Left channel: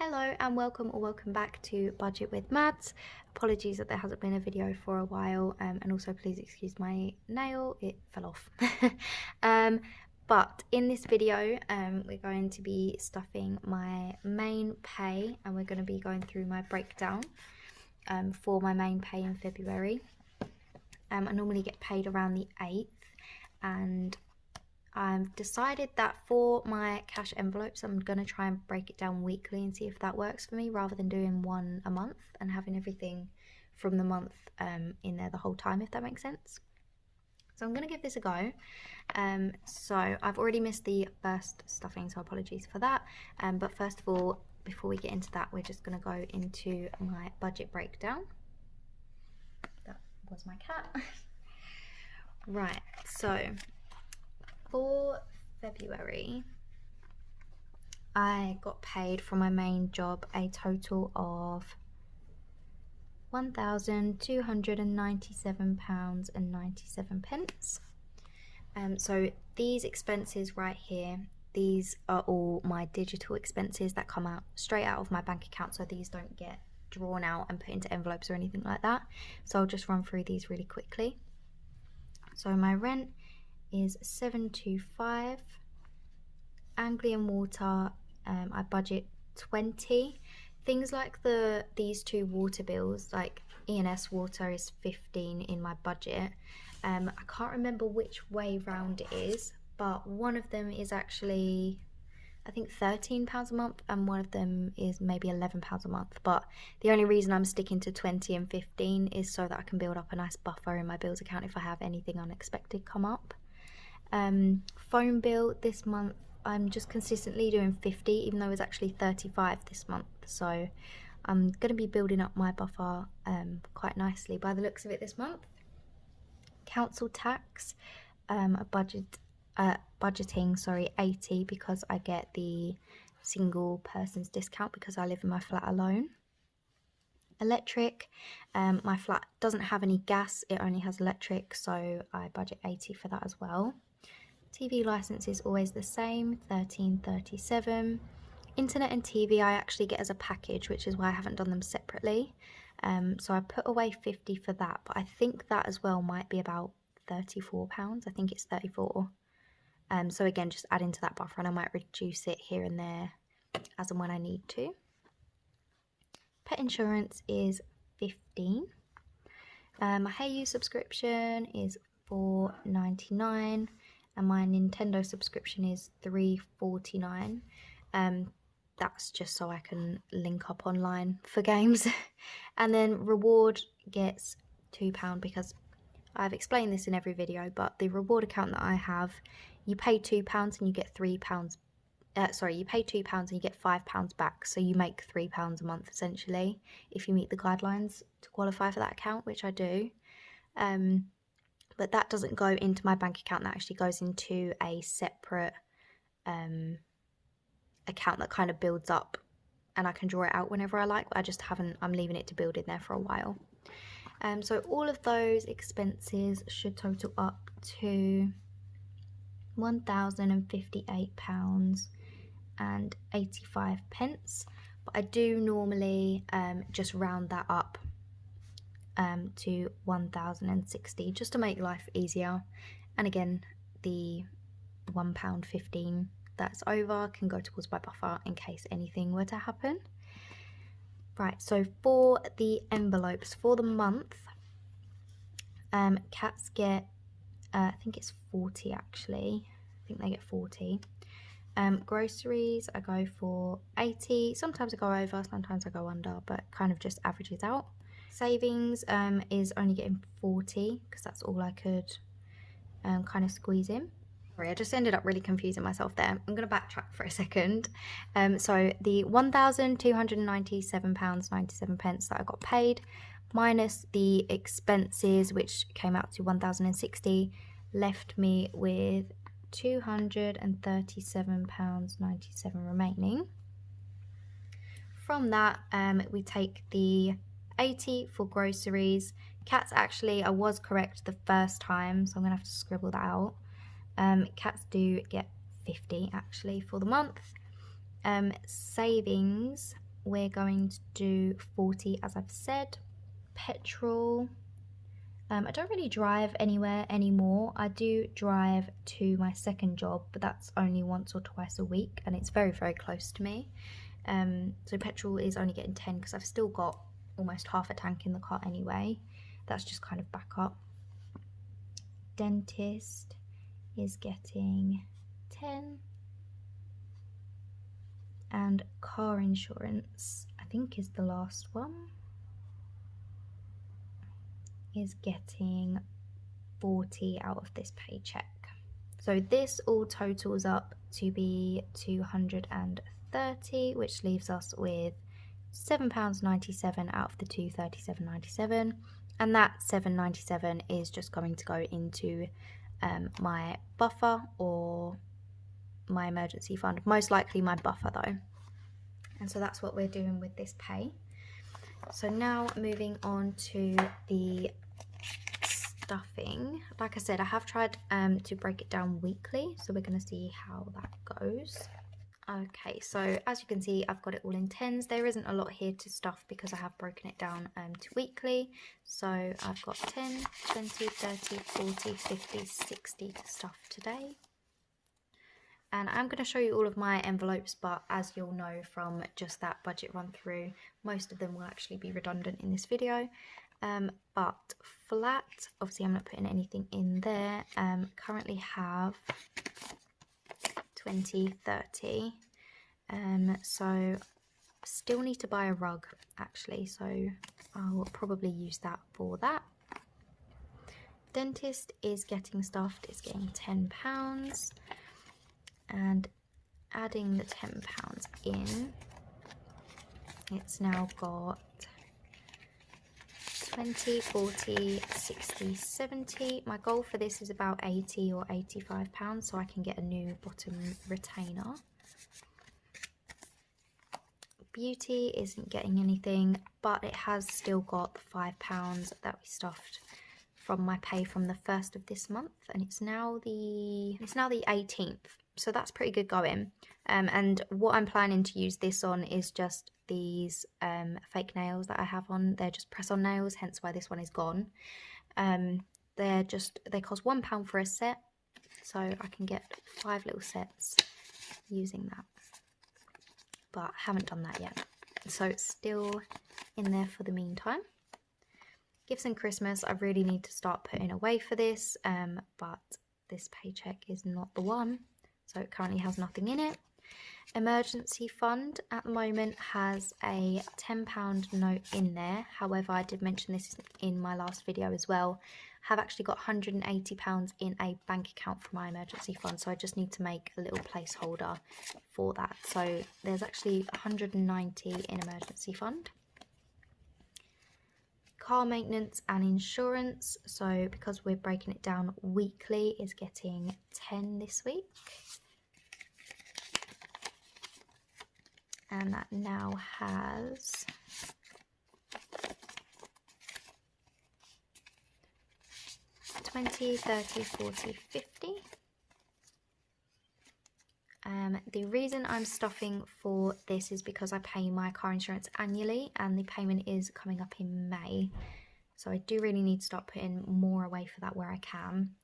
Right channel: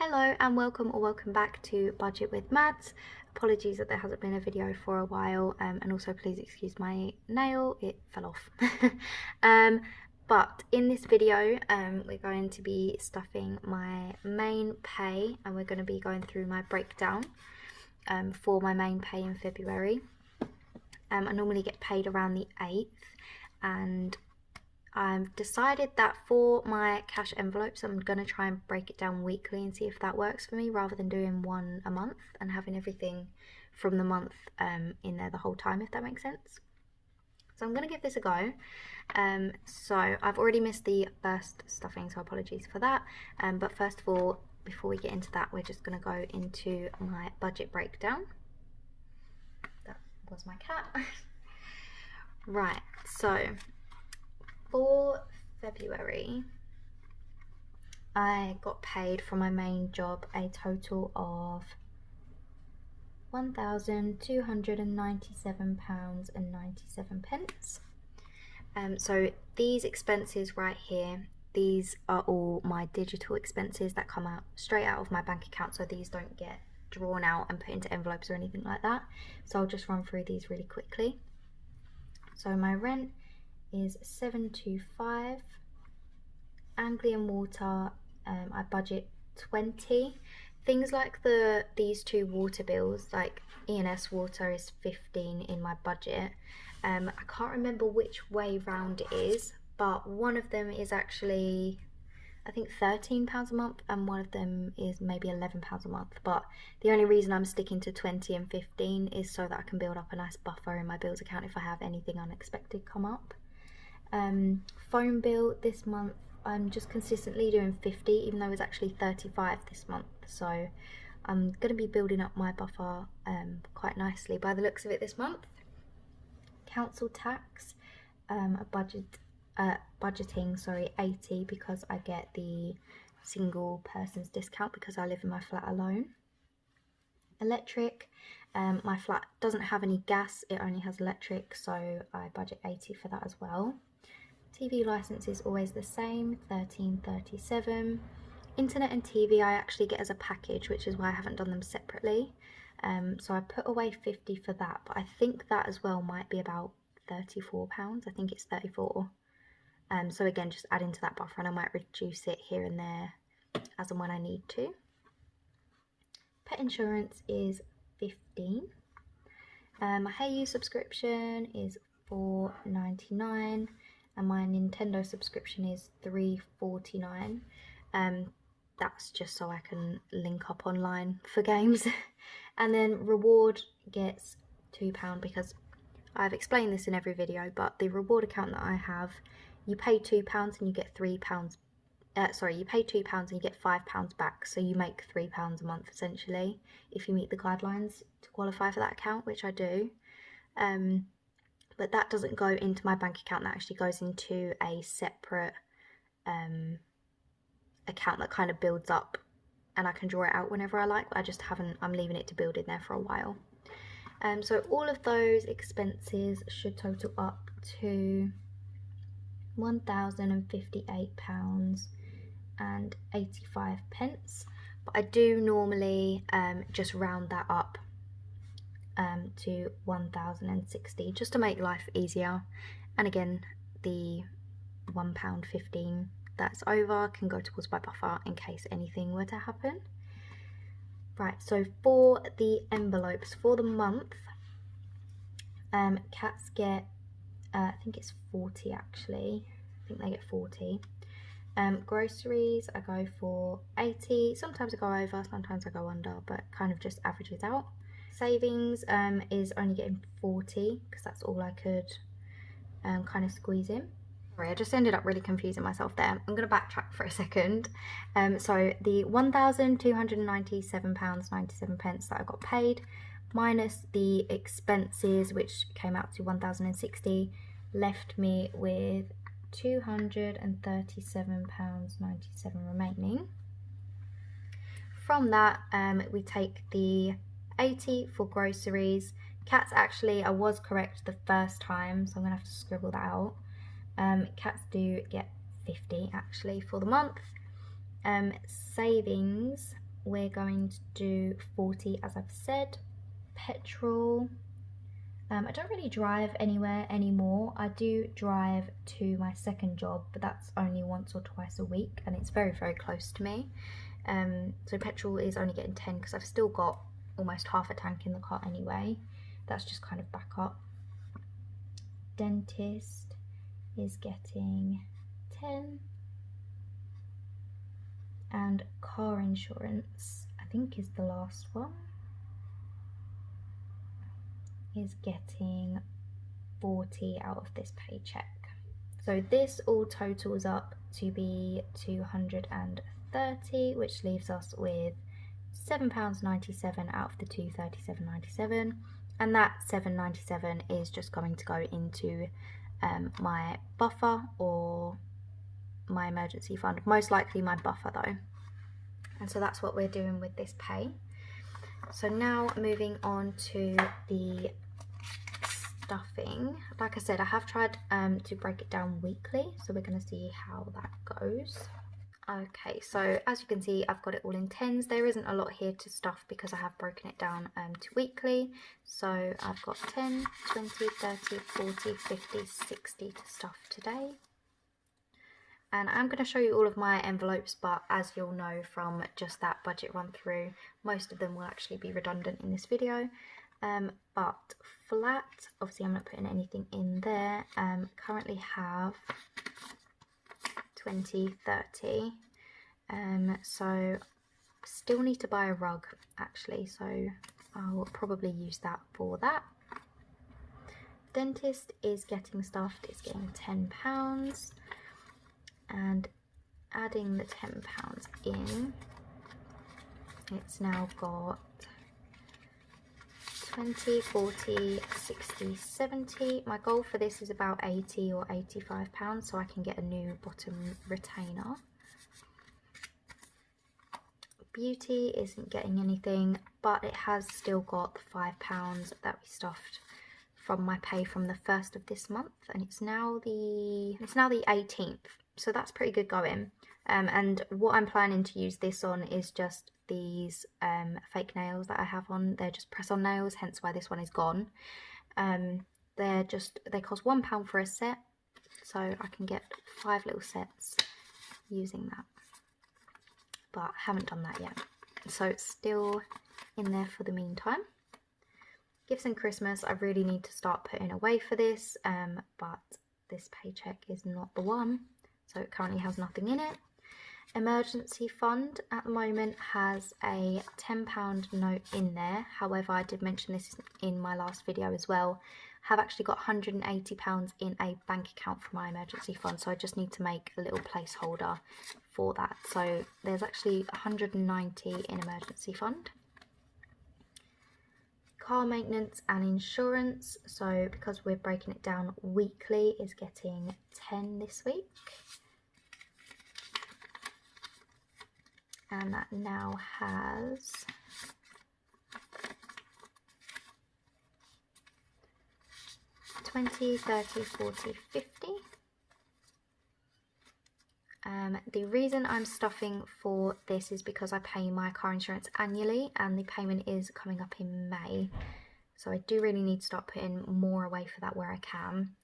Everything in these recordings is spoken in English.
Hello and welcome or welcome back to Budget with Mads. Apologies that there hasn't been a video for a while, and also please excuse my nail, it fell off. But in this video we're going to be stuffing my main pay, and we're going to be going through my breakdown for my main pay in February. I normally get paid around the 8th, and I've decided that for my cash envelopes I'm going to try and break it down weekly and see if that works for me, rather than doing one a month and having everything from the month in there the whole time, if that makes sense. So I'm going to give this a go. So I've already missed the first stuffing, so apologies for that. But first of all, before we get into that, we're just going to go into my budget breakdown. That was my cat. Right, so for February, I got paid from my main job a total of £1,297.97. So these expenses right here, these are all my digital expenses that come out straight out of my bank account, so these don't get drawn out and put into envelopes or anything like that. So I'll just run through these really quickly. So my rent is 725. Anglian water, I budget 20. Things like these two water bills, like E&S water is 15 in my budget. I can't remember which way round it is, but one of them is actually I think £13 a month, and one of them is maybe £11 a month. But the only reason I'm sticking to 20 and 15 is so that I can build up a nice buffer in my bills account if I have anything unexpected come up. Phone bill this month, I'm just consistently doing 50, even though it's actually 35 this month, so I'm going to be building up my buffer quite nicely by the looks of it this month. Council tax, budgeting 80, because I get the single person's discount because I live in my flat alone. Electric, my flat doesn't have any gas, it only has electric, so I budget 80 for that as well. TV license is always the same, £13.37. Internet and TV I actually get as a package, which is why I haven't done them separately. So I put away 50 for that, but I think that as well might be about £34. I think it's 34. So again, just add into that buffer, and I might reduce it here and there as and when I need to. Pet insurance is 15. My Hey subscription is £4.99. and my Nintendo subscription is £3.49. That's just so I can link up online for games. And then reward gets £2, because I've explained this in every video, but the reward account that I have, you pay £2 and you get £3. You pay £2 and you get £5 back, so you make £3 a month essentially if you meet the guidelines to qualify for that account, which I do. But that doesn't go into my bank account, that actually goes into a separate account that kind of builds up, and I can draw it out whenever I like, but I just haven't, I'm leaving it to build in there for a while. So all of those expenses should total up to £1,058.85, but I do normally just round that up to 1,060 just to make life easier. And again, the £1.15 that's over can go towards my buffer in case anything were to happen. Right, so for the envelopes for the month, cats get I think it's 40 actually. I think they get 40. Groceries I go for 80. Sometimes I go over, sometimes I go under, but kind of just averages out. Savings is only getting 40 because that's all I could kind of squeeze in. Sorry, I just ended up really confusing myself there. I'm going to backtrack for a second. So the £1,297.97 that I got paid, minus the expenses, which came out to 1,060, left me with £237.97 remaining. From that, we take the 80 for groceries. Cats, actually, I was correct the first time, so I'm gonna have to scribble that out. Cats do get 50 actually for the month. Savings we're going to do 40 as I've said. Petrol, I don't really drive anywhere anymore. I do drive to my second job, but that's only once or twice a week, and it's very, very close to me. So petrol is only getting 10 because I've still got almost half a tank in the car anyway. That's just kind of backup. Dentist is getting 10. And car insurance, I think is the last one, is getting 40 out of this paycheck. So this all totals up to be 230, which leaves us with £7.97 out of the 237.97, and that £7.97 is just going to go into my buffer or my emergency fund, most likely my buffer though. And so that's what we're doing with this pay. So now moving on to the stuffing. Like I said, I have tried to break it down weekly, so we're going to see how that goes. Okay, so as you can see, I've got it all in tens. There isn't a lot here to stuff because I have broken it down to weekly. So I've got 10, 20, 30, 40, 50, 60 to stuff today. And I'm going to show you all of my envelopes, but as you'll know from just that budget run through, most of them will actually be redundant in this video. But flat, obviously I'm not putting anything in there, currently have 20, 30. So still need to buy a rug actually, so I'll probably use that for that. Dentist is getting stuffed, it's getting £10. And adding the £10 in, it's now got 20, 40, 60, 70. My goal for this is about 80 or £85, so I can get a new bottom retainer. Beauty isn't getting anything, but it has still got the £5 that we stuffed from my pay from the 1st of this month, and it's now the 18th. So that's pretty good going. And what I'm planning to use this on is just these fake nails that I have on. They're just press-on nails, hence why this one is gone. They cost £1 for a set, so I can get 5 little sets using that. But I haven't done that yet, so it's still in there for the meantime. Gifts and Christmas, I really need to start putting away for this, but this paycheck is not the one. So it currently has nothing in it. Emergency fund at the moment has a £10 note in there. However, I did mention this in my last video as well. I have actually got £180 in a bank account for my emergency fund, so I just need to make a little placeholder for that. So there's actually 190 in emergency fund. Car maintenance and insurance, so because we're breaking it down weekly, is getting 10 this week. And that now has 20, 30, 40, 50. The reason I'm stuffing for this is because I pay my car insurance annually and the payment is coming up in May. So I do really need to start putting more away for that where I can.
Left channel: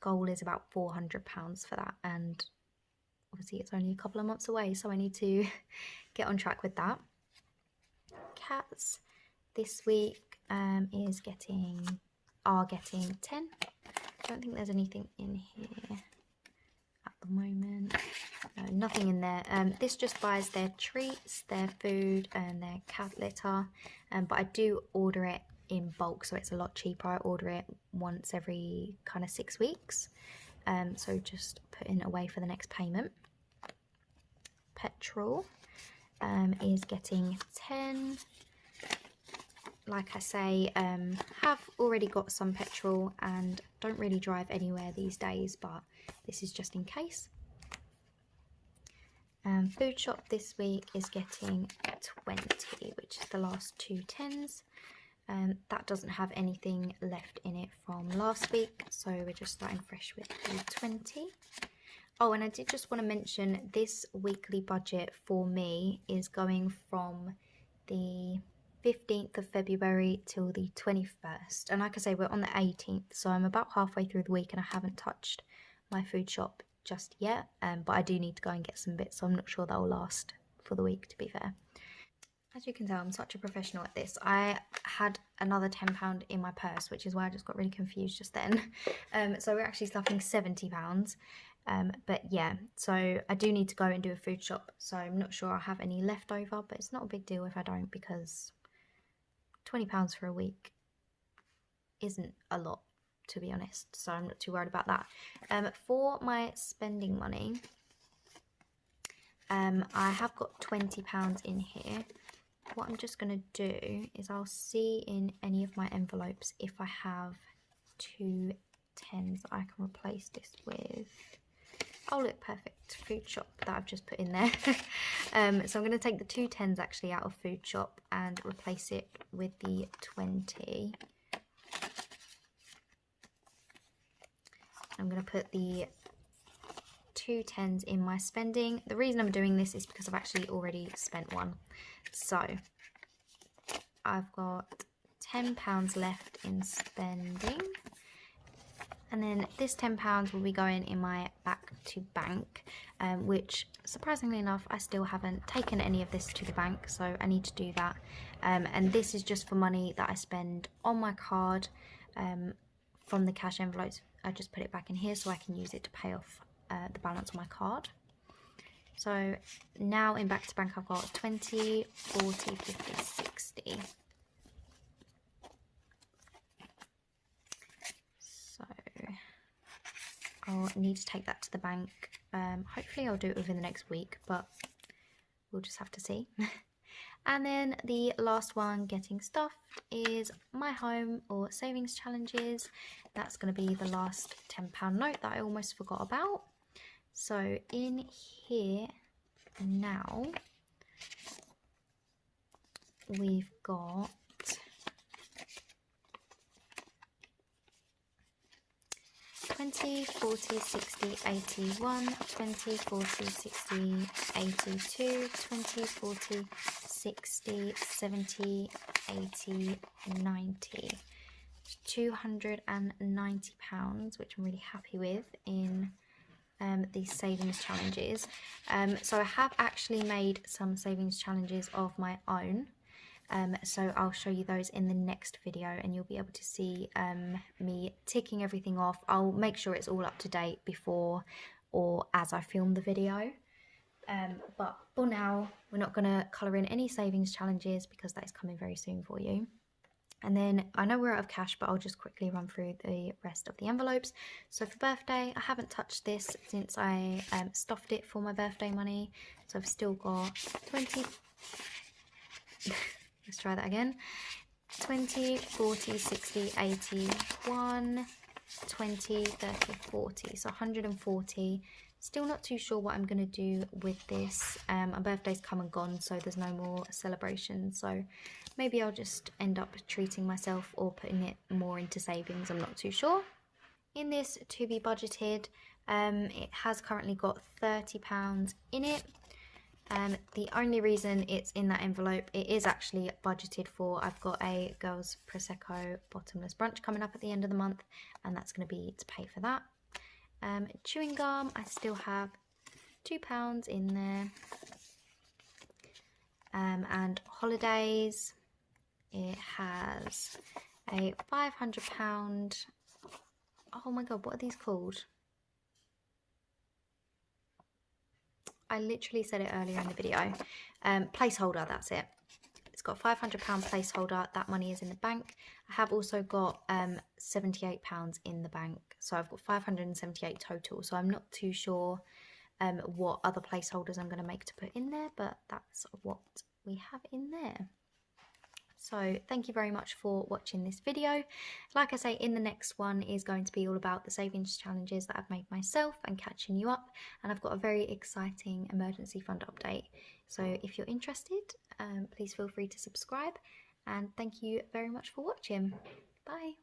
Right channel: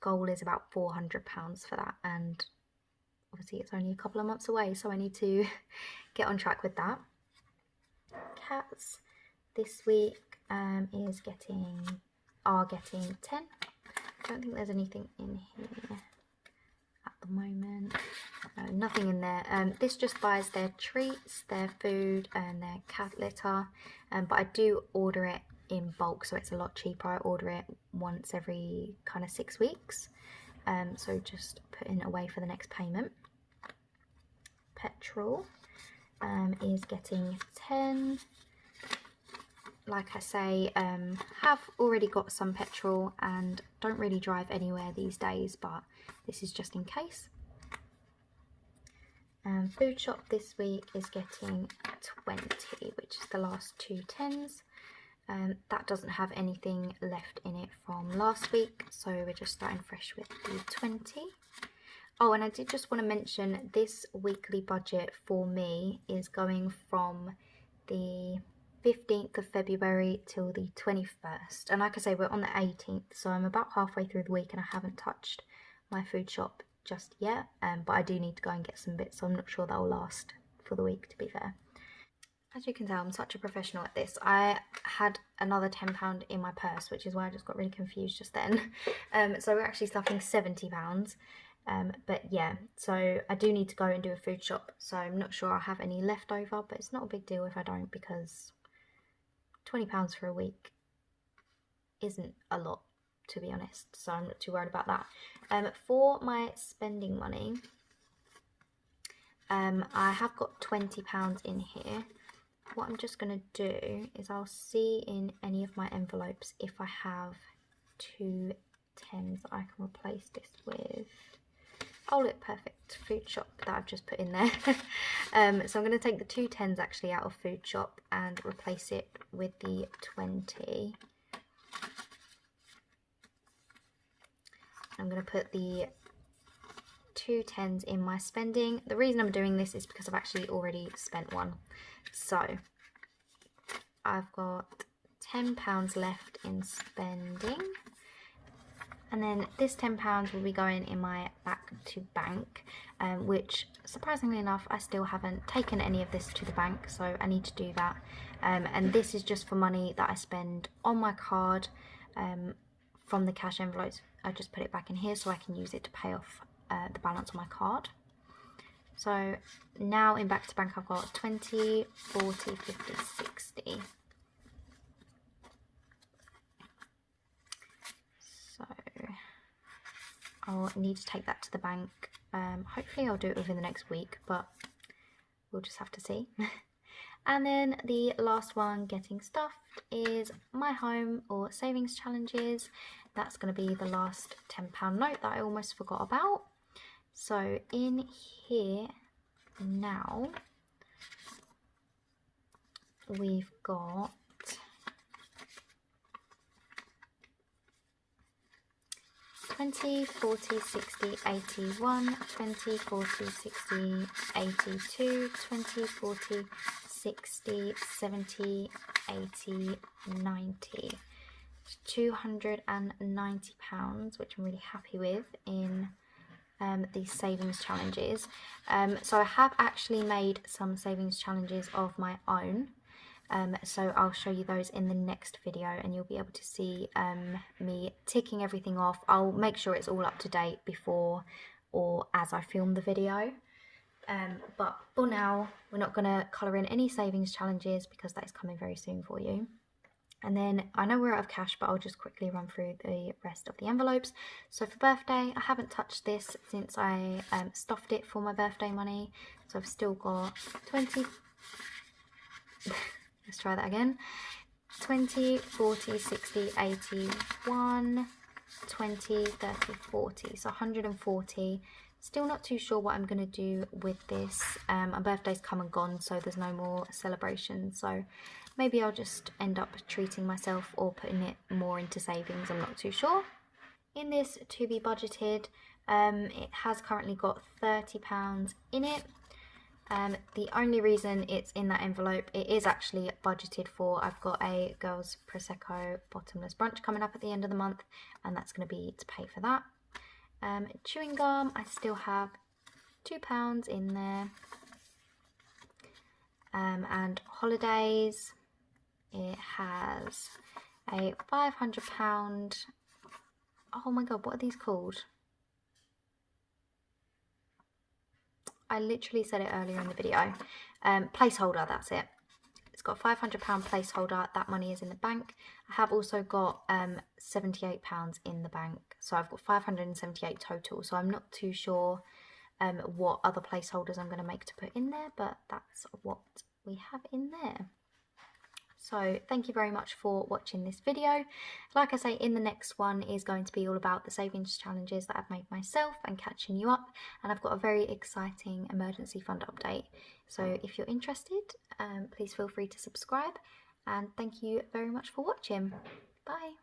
Goal is about £400 for that, and obviously it's only a couple of months away, so I need to get on track with that. Cats this week are getting 10. I don't think there's anything in here at the moment. No, nothing in there. This just buys their treats, their food and their cat litter, but I do order it in bulk, so it's a lot cheaper. I order it once every kind of 6 weeks, so just putting away for the next payment. Petrol is getting 10. Like I say, have already got some petrol and don't really drive anywhere these days, but this is just in case. Food shop this week is getting 20, which is the last 2 tens. That doesn't have anything left in it from last week, so we're just starting fresh with the 20. Oh, and I did just want to mention this weekly budget for me is going from the 15th of February till the 21st. And like I say, we're on the 18th, so I'm about halfway through the week and I haven't touched my food shop just yet. But I do need to go and get some bits, so I'm not sure that'll last for the week, to be fair. As you can tell, I'm such a professional at this. I had another £10 in my purse, which is why I just got really confused just then. So we're actually stuffing £70. But yeah, so I do need to go and do a food shop. So I'm not sure I'll have any left over, but it's not a big deal if I don't, because £20 for a week isn't a lot, to be honest. So I'm not too worried about that. For my spending money, I have got £20 in here. What I'm just going to do is I'll see in any of my envelopes if I have 2 tens that I can replace this with. Oh look, perfect, food shop that I've just put in there. So I'm going to take the 2 tens actually out of food shop and replace it with the 20. I'm going to put the 2 tens in my spending. The reason I'm doing this is because I've actually already spent one. So I've got £10 left in spending, and then this £10 will be going in my back to bank, which surprisingly enough I still haven't taken any of this to the bank, so I need to do that. And this is just for money that I spend on my card from the cash envelopes. I just put it back in here so I can use it to pay off the balance on my card. So now in back to bank I've got 20, 40, 50, 60. So I'll need to take that to the bank. Hopefully I'll do it within the next week, but we'll just have to see. And then the last one getting stuffed is my home or savings challenges. That's going to be the last £10 note that I almost forgot about. So in here now we've got 20, 40, 60, 81, 20, 40, 60, 82, 20, 40, 60, 70, 80, 90. £290, which I'm really happy with in these savings challenges. So I have actually made some savings challenges of my own. So I'll show you those in the next video and you'll be able to see me ticking everything off. I'll make sure it's all up to date before or as I film the video. But for now, we're not going to colour in any savings challenges because that is coming very soon for you. And then I know we're out of cash, but I'll just quickly run through the rest of the envelopes. So for birthday, I haven't touched this since I stuffed it for my birthday money. So I've still got 20... Let's try that again. 20, 40, 60, 81, 20, 30, 40. So 140. Still not too sure what I'm going to do with this. My birthday's come and gone, so there's no more celebrations. So maybe I'll just end up treating myself or putting it more into savings. I'm not too sure. In this to be budgeted, it has currently got £30 in it. The only reason it's in that envelope, it is actually budgeted for. I've got a girls Prosecco bottomless brunch coming up at the end of the month, and that's going to be to pay for that. Chewing gum, I still have £2 in there. And holidays, it has a £500. Oh my god, what are these called? I literally said it earlier in the video. Placeholder, that's it. It's got a £500 placeholder. That money is in the bank. I have also got £78 in the bank. So I've got 578 total. So I'm not too sure what other placeholders I'm going to make to put in there, but that's what we have in there. So thank you very much for watching this video. Like I say, in the next one is going to be all about the savings challenges that I've made myself and catching you up. And I've got a very exciting emergency fund update. So if you're interested, please feel free to subscribe. And thank you very much for watching. Bye.